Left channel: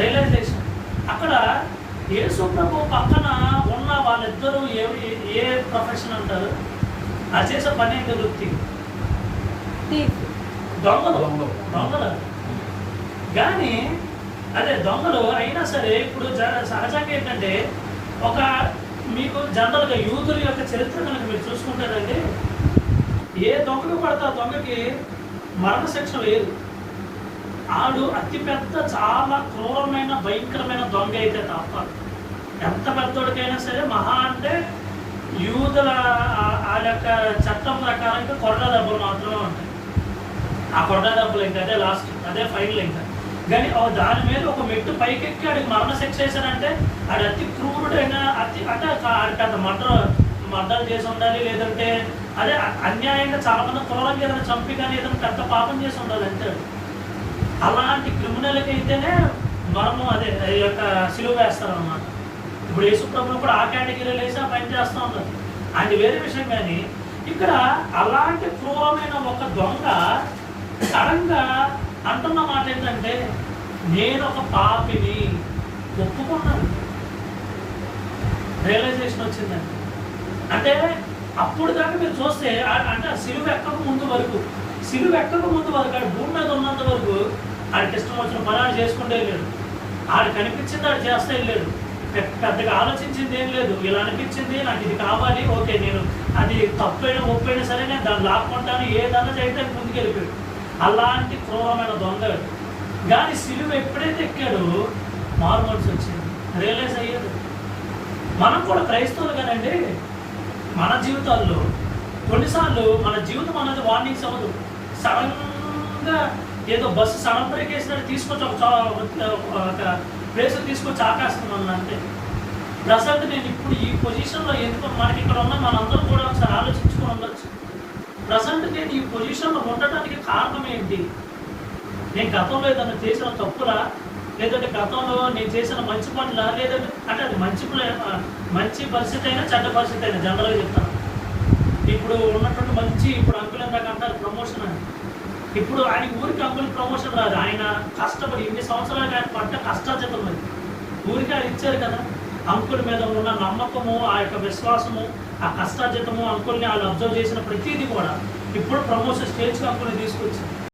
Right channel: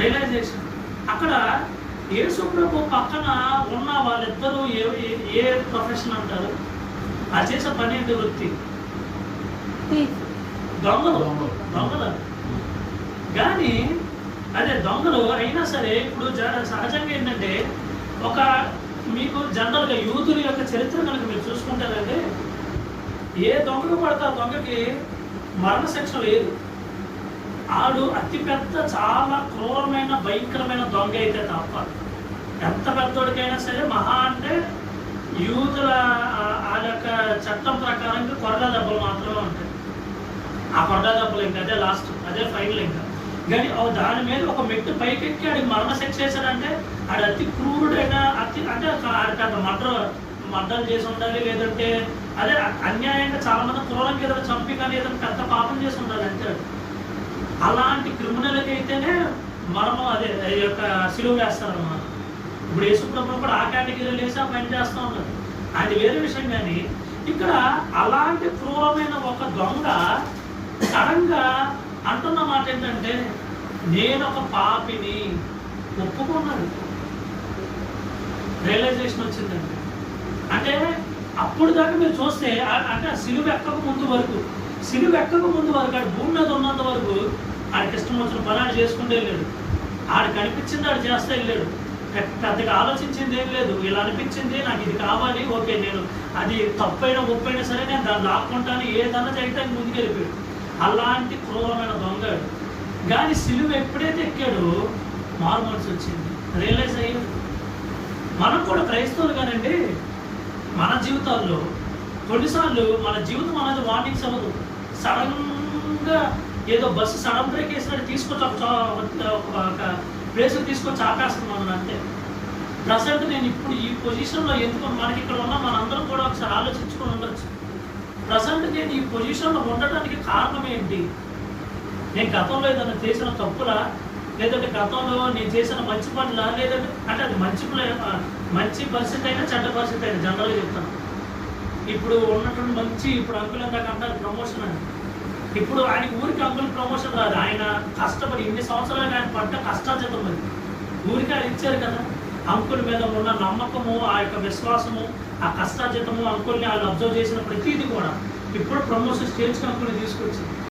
Realisation. అక్కడ యేసు ప్రభు పక్కన ఉన్న వాళ్ళిద్దరూ ఏ ప్రొఫెషన్ అంటారు? ఆ చేసే పని ఏంటి? వృత్తి దొంగలు. కానీ అదే దొంగలు అయినా సరే ఇప్పుడు సహజంగా ఏంటంటే ఒక మీకు జనరల్గా యూదుల యొక్క చరిత్ర కనుక మీరు చూసుకుంటారంటే ఏ దొంగలు పడితే ఆ దొంగకి మరణశిక్ష లేదు. ఆడు అతిపెద్ద చాలా క్రూరమైన భయంకరమైన దొంగ అయితే తప్ప ఎంత పెద్దోడికైనా సరే మహా అంటే యూదుల ఆ యొక్క చట్టం ప్రకారం ఇంకా కొరడా దెబ్బలు మాత్రమే ఉంటాయి. ఆ కొరడా దెబ్బలు ఇంకా అదే లాస్ట్, అదే ఫైనల్. ఇంకా కానీ దాని మీద ఒక మెట్టు పైకెక్కి ఆడికి మరణశిక్ష వేసాడంటే ఆడు అతి క్రూరుడైన అతి అంటే ఆడికి మర్డర్ చేసి ఉండాలి, లేదంటే అదే అన్యాయంగా చాలా మంది క్రూరంగా ఏదైనా చంపి కానీ ఏదైనా పెద్ద పాపం చేసి ఉండాలి అంతే. అలాంటి క్రిమినల్కి అయితేనే మరణం అదే ఈ యొక్క సిలువ వేస్తారు అన్నమాట. ఇప్పుడు యేసుప్రభువు కూడా ఆ కేటగిరీలో వేసి ఆ పని చేస్తూ ఉన్నారు. అది వేరే విషయం. కానీ ఇక్కడ అలాంటి క్రూరమైన ఒక దొంగ సడన్గా అంటున్న మాట ఏంటంటే నేను ఒక పాపిని ఒప్పుకున్నాడు. రియలైజేషన్ వచ్చిందండి. అంటే అప్పుడు దాకా మీరు చూస్తే అంటే సిలువ ఎక్కక ముందు వరకు ఆడు భూమి మీద ఉన్నంత వరకు ఆడికి ఇష్టం వచ్చిన పని ఆడు చేసుకుంటే వెళ్ళాడు. ఆడు కనిపించింది ఆడు చేస్తే వెళ్ళాడు. పెద్దగా ఆలోచించింది ఏం లేదు. ఇలా అనిపించింది నాకు ఇది కావాలి, ఓకే నేను అది తప్పైనా ఒప్పైనా సరే నేను దాన్ని లాక్కుంటాను, ఏదన్నా చేయడానికి ముందుకు వెళ్ళిపోయాడు. అలాంటి క్రూరమైన దొంగడు. కానీ సిలువ ఎప్పుడైతే ఎక్కాడో మారు మనసు వచ్చింది, రియలైజ్ అయ్యాడు. మనం కూడా క్రైస్తవులు కానండి, మన జీవితాల్లో కొన్నిసార్లు మన జీవితం అనేది వార్నింగ్స్ అవ్వదు. సడన్గా ఏదో బస్సు సడన్ బ్రేక్ వేసినట్టు తీసుకొచ్చి ఒక ప్లేస్ తీసుకొచ్చి ఆపేస్తున్నాను అంతే. ప్రజెంట్ నేను ఇప్పుడు ఈ పొజిషన్లో ఎందుకు మనకి ఇక్కడ ఉన్న మనందరూ కూడా ఒకసారి ఆలోచించుకొని ఉండొచ్చు. ప్రజెంట్ నేను ఈ పొజిషన్లో ఉండటానికి కారణం ఏంటి? నేను గతంలో ఏదైనా చేసిన తప్పులా, లేదంటే గతంలో నేను చేసిన మంచి పనులా, లేదంటే అంటే అది మంచి పరిస్థితి అయినా చెడ్డ పరిస్థితి అయినా జనరల్గా చెప్తాను. ఇప్పుడు ఉన్నటువంటి మంచి ఇప్పుడు అంకుల్ ఎందాక అంటారు ప్రమోషన్ అని. ఇప్పుడు ఆయన ఊరికి అంకుల్ ప్రమోషన్ రాదు. ఆయన కష్టపడి ఇన్ని సంవత్సరాలు ఆయన పడ్డ కష్టార్జితం అది ఊరికి ఆయన ఇచ్చారు కదా. అంకుల్ మీద ఉన్న నమ్మకము, ఆ యొక్క విశ్వాసము, ఆ కష్టార్జితము, అంకుల్ని వాళ్ళు అబ్జర్వ్ చేసిన ప్రతిదీ కూడా ఇప్పుడు ప్రమోషన్ స్టేజ్కి అంకుల్ని తీసుకొచ్చింది.